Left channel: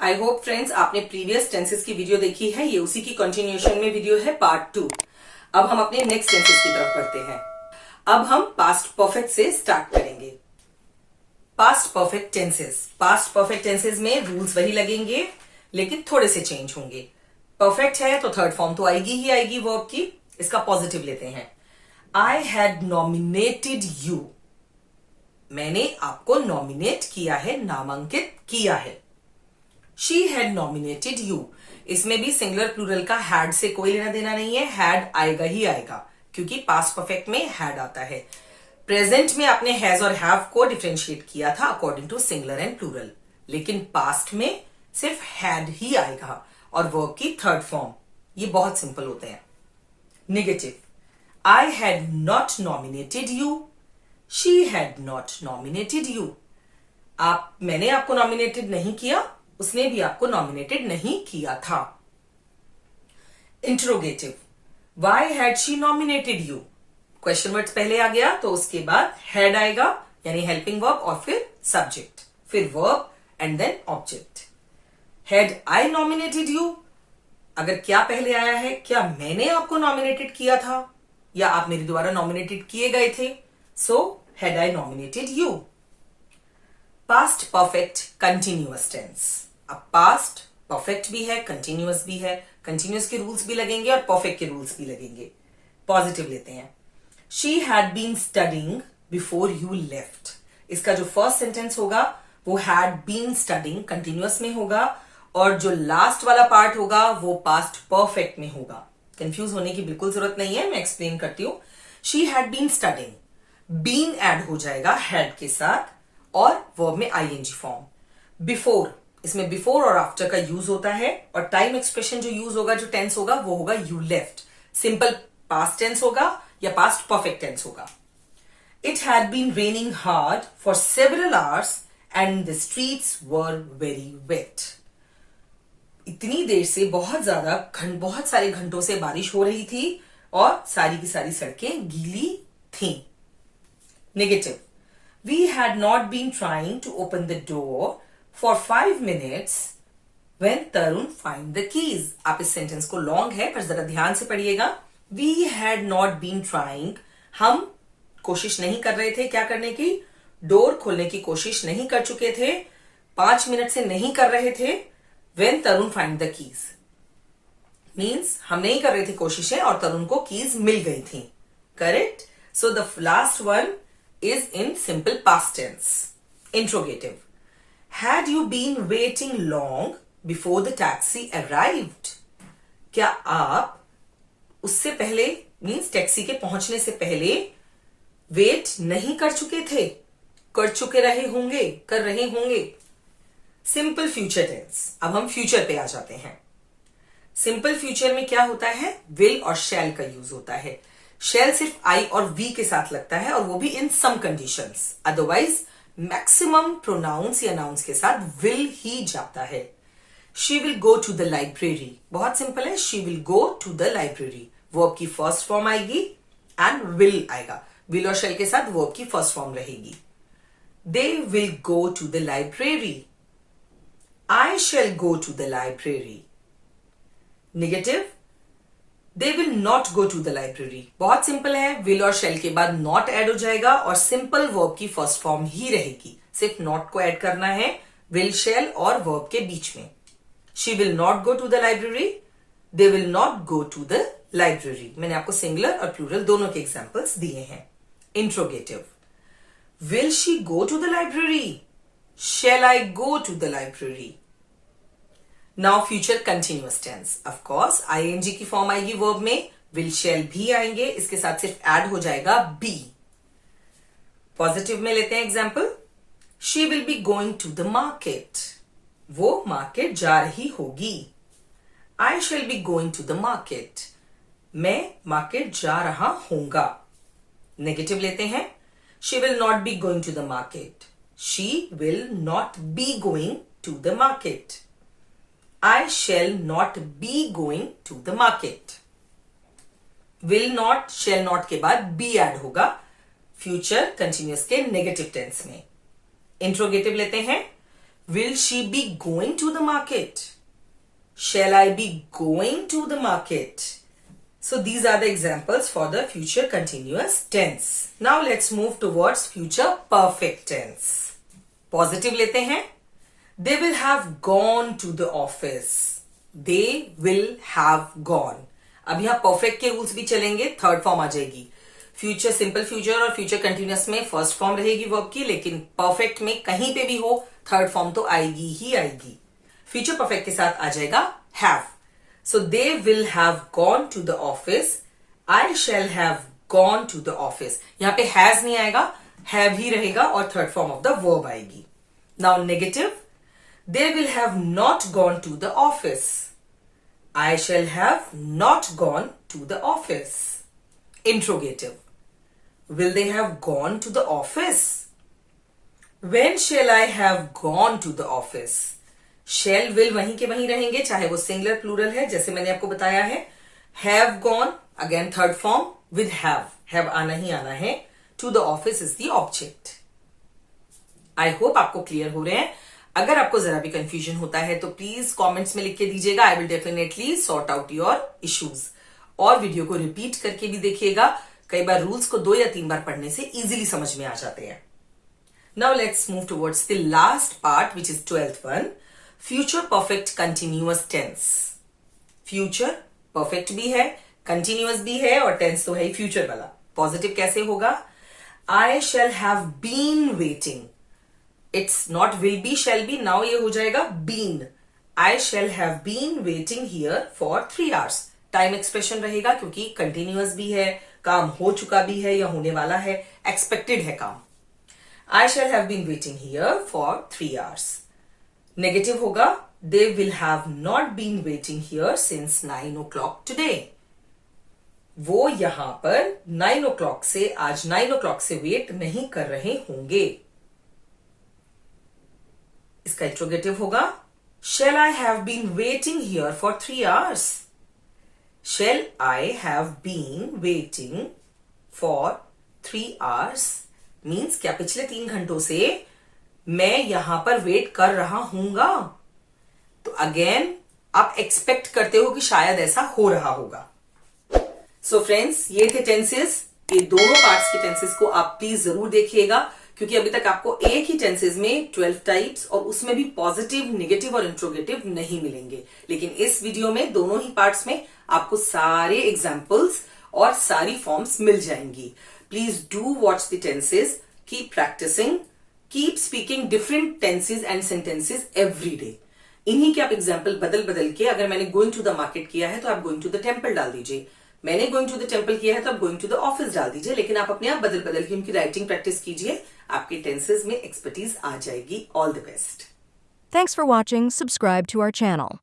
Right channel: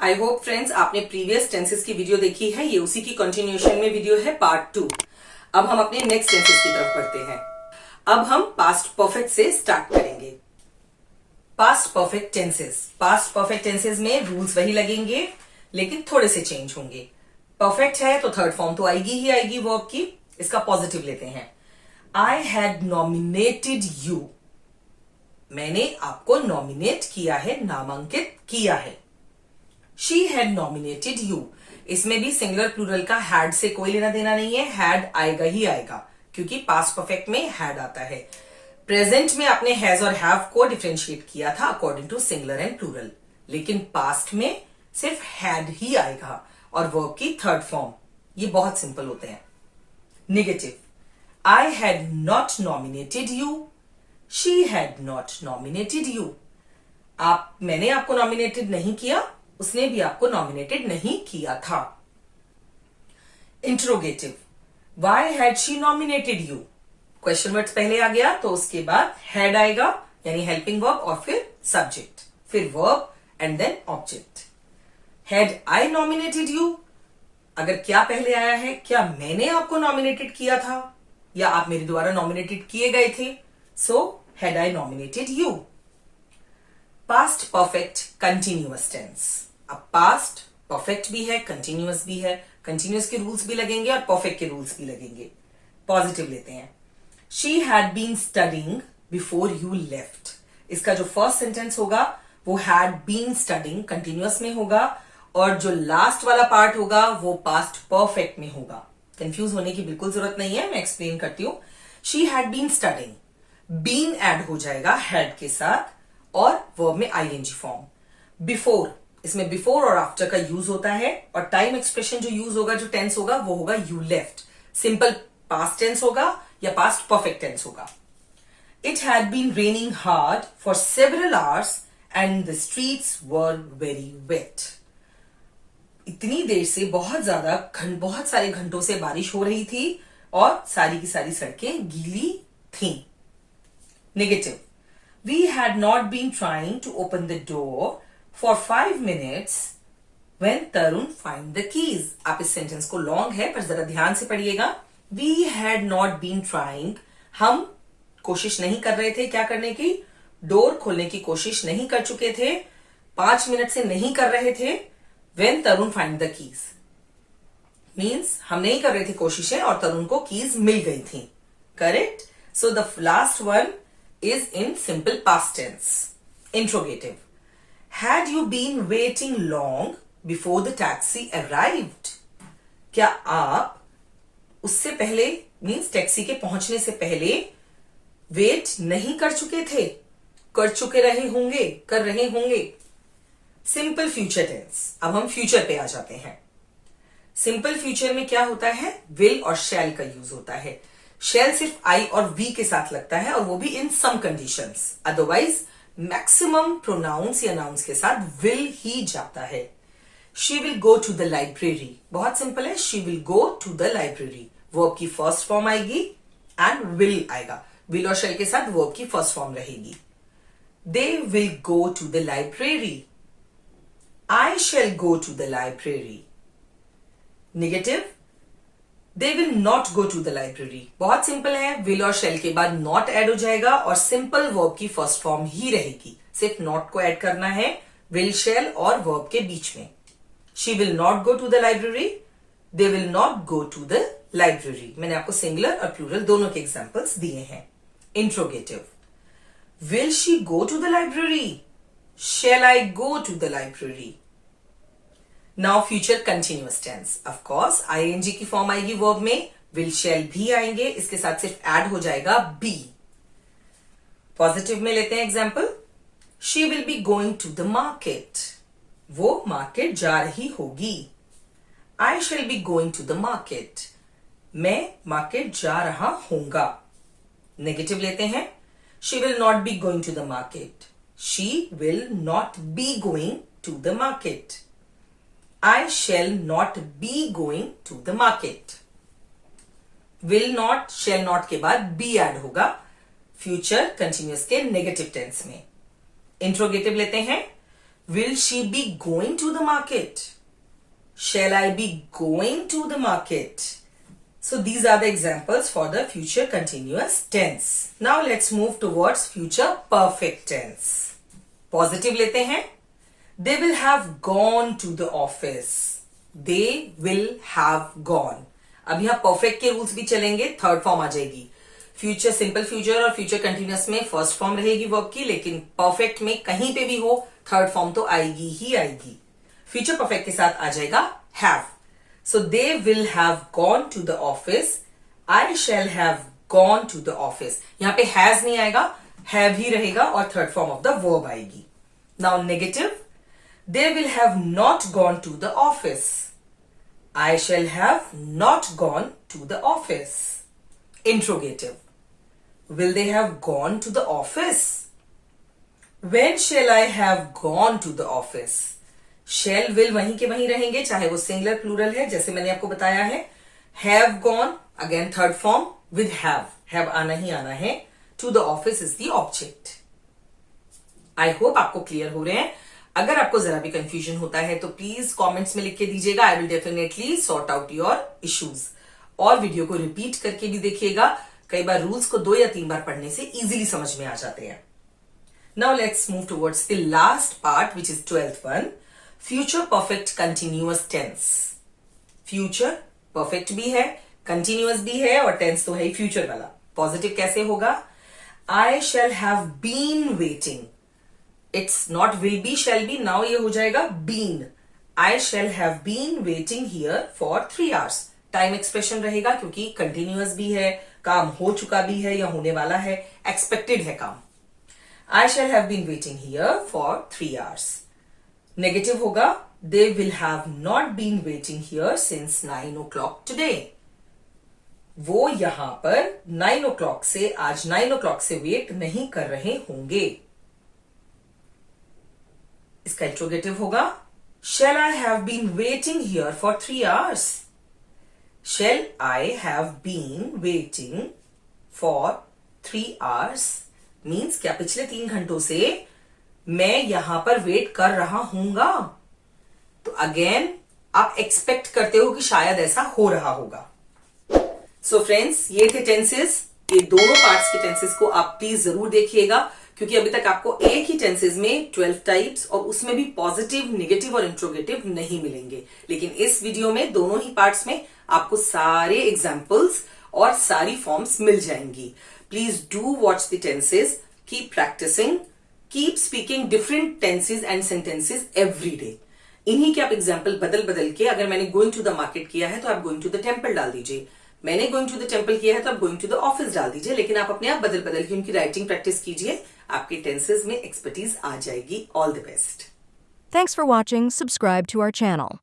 I hope friends आपने previous tenses की video देखी है। ये उसी की कंटिन्यूएशन में वीडियो है, पार्ट 2। अब हम अपने नेक्स्ट टेंसेस की तरफ बढ़ते हैं। अब हम पास्ट परफेक्ट से स्टार्ट करेंगे। पास्ट परफेक्ट टेंसेस में रूल्स वही लगेंगे लेकिन थोड़े से चेंज होंगे। परफेक्ट है तो थर्ड फॉर्म तो आएगी ही आएगी वर्ब की। इसका पॉजिटिव लेते हैं। आई हैड नॉमिनेटेड यू, मैंने आपको नॉमिनेट किया है, नामांकित किया है। शी हैड नॉमिनेटेड यू, इसमें भी सिंगुलर प्लूरल का हैड से कोई लेना देना नहीं है, हैड आएगा ही आएगा क्योंकि पास्ट परफेक्ट में हैड आता है। प्रेजेंट में आपने हैज और हैव को डिफरेंशिएट किया था according to singular and plural, लेकिन पास्ट में सिर्फ हैड ही आएगा और वर्ब की थर्ड फॉर्म। ये बहुत सिंपल होते हैं। Negative, I had not nominated you, she had not nominated you. मैंने आपको नॉमिनेटेड नहीं किया, उसने भी आपको नॉमिनेटेड नहीं किया था। Interrogative, why had she nominated you, question word पहले आ गया तो उसके बाद हैड आएगा यानी हेल्पिंग वर्ब और फिर सब्जेक्ट, फिर verb and then object. Had I nominated you, अगर क्या पहले आया है, क्या मैंने आपको नॉमिनेटेड किया था या आप मेरे द्वारा नॉमिनेटेड किए गए थे, so had I nominated you. Past perfect continuous tense, अब पास्ट परफेक्ट भी है, कंटिन्यूअस भी है। कंटिन्यूअस के रूल्स भी लगेंगे और परफेक्ट के रूल्स भी लगेंगे। पॉजिटिव लेते हैं। She had been studying before you left, इसका जो फर्स्ट सेंटेंस होगा वो हैड बीन स्टडिंग कंटिन्यूअस में होगा और जो लास्ट वाला पार्ट होगा वो पास्ट परफेक्ट में होगा। कंफ्यूज होने की बिल्कुल जरूरत नहीं है, मैं एक्सप्लेन करती हूं। She had been studying, been add हो जाएगा हैड के साथ और वर्ब में आईएनजी फॉर्म। बिफोर, इसमें बिफोर और आफ्टर का यूज होता है और टाइम एक्सप्रेशन जो यूज होगा, जो टेंस होगा वो होगा you left. Simple past tense होगा या पास्ट परफेक्ट टेंस होगा। It had been raining hard for several hours and the streets were very wet, इतनी देर से बहुत सारे घंटों से बारिश हो रही थी और सारी की सारी सड़कें गीली थीं। Negative, we had not been trying to open the door for 5 minutes when Tarun find the keys। आप इस सेंटेंस को लॉन्ग है पर जरा ध्यान से पढ़िएगा। We had not been trying, हम कोशिश नहीं कर रहे थे क्या करने की, डोर खोलने की कोशिश नहीं कर चुके थे, 5 मिनट से नहीं कर रहे थे। when Tarun find the keys means हम नहीं कर रहे थे कोशिशें और तरुण को कीज मिल गई थी। Correct. So the last one is in simple past tense. Interrogative, had you been waiting long before the taxi arrived? क्या आप उससे पहले मीन्स टैक्सी के पहुंचने से पहले वेट नहीं कर चुके थे, कर चुके रहे होंगे, कर रहे होंगे। सिंपल फ्यूचर टेंस, अब हम फ्यूचर पे आ जाते हैं। सिंपल फ्यूचर में क्या होता है, विल और शैल का यूज होता है। शेल सिर्फ आई और वी के साथ लगता है और वो भी in some conditions, otherwise maximum pronouns या नाउंस के साथ विल ही जाता है। She will go to the library, बहुत सिंपल है, she will go to the library. Verb की फर्स्ट फॉर्म आएगी एंड विल आएगा, विल और शेल के साथ वर्ब की फर्स्ट फॉर्म रहेगी। They will go to the library, I shall go to the library. Negative, they will not go to the library, बहुत simple है, विल और शेल के बाद नॉट ऐड हो जाएगा और सिंपल वर्ब की फर्स्ट फॉर्म ही रहेगी, सिर्फ नॉट को ऐड करना है विल शेल और वर्ब के बीच में। She will not go to the library, they will not go to the library. मैंने आपको सिंगुलर और प्लूरल दोनों के एग्जाम्पल्स दिए हैं। Interrogative, will she go to the library, shall I go to the library. Now future continuous tense, of course ING की form आएगी verb में, विल शैल भी आएंगे, इसके साथ सिर्फ ऐड हो जाएगा बी। पॉजिटिव में लेते हैं example. She will be going to the market, वो मार्केट जा रही होगी। I shall be going to the market, मैं मार्केट जा रहा होऊंगा। नेगेटिव लेते हैं। She will not be going to the market, she will not be going to the market. I shall not be going to the market. Will not, shall not के बाद be add होगा future continuous के negative tense में। Interrogative लेते हैं। Will she be going to the market? Shall I be going to the market? So these are the examples for the future continuous tense. Now let's move towards future perfect tense. Positive लेते हैं. They will have gone to the office. They will have gone. अब यहाँ perfect के rules भी चलेंगे. Third form आ जाएगी. Future simple future और future continuous में फर्स्ट फॉर्म रहेगी वर्ब की, लेकिन परफेक्ट में कहीं पे भी हो थर्ड फॉर्म तो आएगी ही आएगी. फ्यूचर परफेक्ट के साथ आ जाएगा have. So they will have gone to the office. I shall have gone to the office. यहां पे हैज नहीं आएगा, हैव ही रहेगा और third form of the verb आएगी. Now negative. They will have not gone to the office. I shall have not gone to the office. Interrogative. Will they have gone to the office? When shall I have gone to the office? Shall will वहीं के वहीं रहेंगे, चाहे वो singular plural है, जैसे मैंने आपको बताया है. Have gone, again third form with have. Have आना ही आना है. To the office is the object. I hope आपको क्लियर हो रहे हैं. अगर आपको जरा भी कंफ्यूजन होता है तो प्लीज कमेंट्स में लिख के दीजिएगा. I will definitely sort out your issues. और वीडियो को रिपीट करके भी देखिएगा. कई बार रूल्स को 2 या 3 बार पढ़ने से इजीली समझ में आ जाते हैं. Now let's move towards the last part which is 12th one. Future perfect continuous tense. Future perfect भी है, कंटिन्यूअस भी है और टेंस तो है ही फ्यूचर वाला. पॉजिटिव कैसे होगा? I shall have been waiting. It's not will be shall be. Now ये हो जाएगा been. I shall have been waiting here for 3 hours. Time expression रहेगा क्योंकि कंटिन्यूअस भी है, काम हो चुका भी है या होने वाला है, एक्सपेक्टेड है काम. I shall have been waiting here for 3 hours. Negative होगा they will have not been waiting here since 9 o'clock today. वो यहां पर 9 o'clock से आज 9 o'clock से वेट नहीं कर रहे होंगे. इसका इंट्रोगेटिव होगा shall I have been waiting here for 3 hours. Shall I have been waiting for 3 hours? Means क्या पिछले 3 घंटों से मैं यहां पर वेट कर रहा हूंगा. तो अगेन आप एक्सपेक्ट करते हो कि शायद ऐसा हो रहा होगा. सो फ्रेंड्स, ये थे टेंसेस. ये दोनों पार्ट्स के टेंसेस को आप प्लीज जरूर देखिएगा क्योंकि अभी तक आपको एक ही टेंसेस में 12 टाइप्स और उसमें भी पॉजिटिव, नेगेटिव और इंट्रोगेटिव नहीं मिलेंगे. लेकिन इस वीडियो में दोनों ही पार्ट्स में आपको सारे एग्जाम्पल्स और सारी फॉर्म्स मिल जाएंगी. Please do watch the tenses, keep practising, keep speaking different tenses and sentences every day. इन्हीं के आप एग्जाम्पल बदल बदल के, अगर मैंने गोइंग टू द मार्केट किया है तो आप गोइंग टू द टेम्पल डाल दीजिए. मैंने गोइंग टू द टेम्पल किया है तो आप गोइंग टू द ऑफिस डाल दीजिए. लेकिन आप अपने आप बदल बदल के उनकी राइटिंग प्रैक्टिस कीजिए. आपके टेंसेस में एक्सपर्टीज आ जाएगी. All the best. Thanks for watching. Subscribe to our channel.